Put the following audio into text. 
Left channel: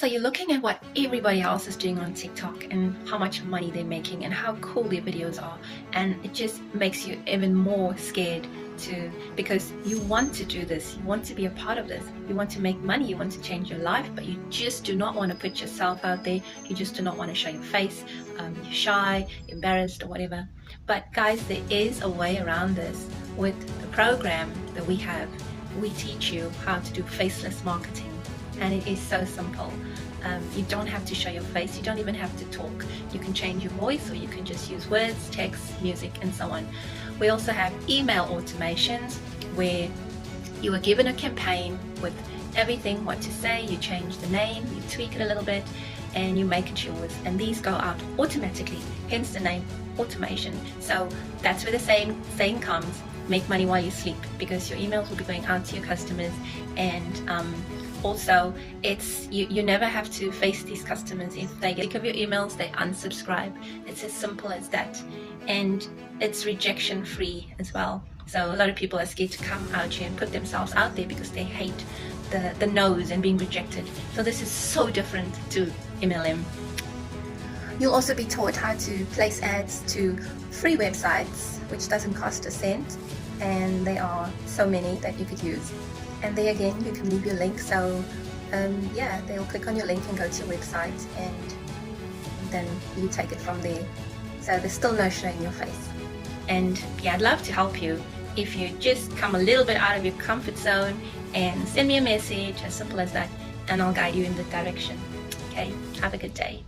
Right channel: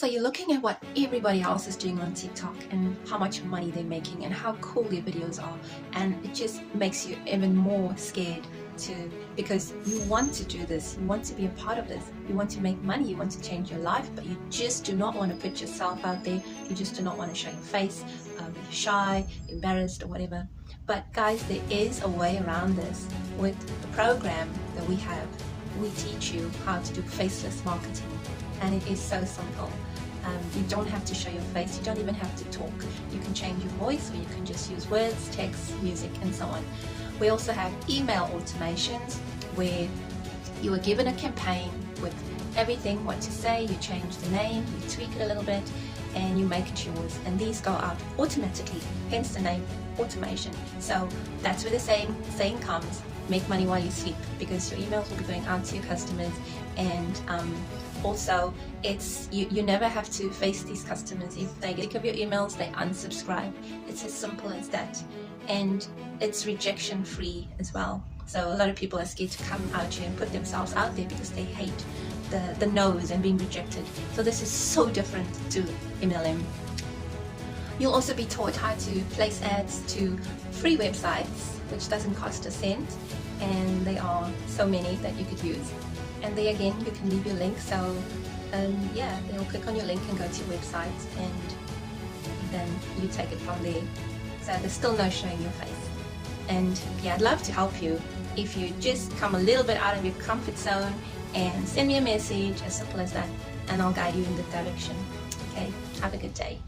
So you're looking at what everybody else is doing on TikTok and how much money they're making and how cool their videos are, and it just makes you even more scared because you want to do this, you want to be a part of this, you want to make money, you want to change your life, but you just do not want to put yourself out there, you just do not want to show your face, you're shy, embarrassed or whatever. But guys, there is a way around this. With the program that we have, we teach you how to do faceless marketing, and it is so simple. You don't have to show your face, you don't even have to talk. You can change your voice, or you can just use words, text, music, and so on. We also have email automations where you are given a campaign with everything, what to say, you change the name, you tweak it a little bit, and you make it yours. And these go out automatically, hence the name automation. So that's where the saying comes, make money while you sleep, because your emails will be going out to your customers, and also it's you never have to face these customers. If they get sick of your emails, they unsubscribe. It's as simple as that, and it's rejection free as well. So a lot of people are scared to come out here and put themselves out there because they hate the no's and being rejected. So this is so different to MLM. You'll also be taught how to place ads to free websites, which doesn't cost a cent, and there are so many that you could use. And there again, you can leave your link, so yeah, they'll click on your link and go to your website, and then you take it from there. So there's still no showing your face. And yeah, I'd love to help you if you just come a little bit out of your comfort zone and send me a message, as simple as that, and I'll guide you in the direction. Okay, have a good day.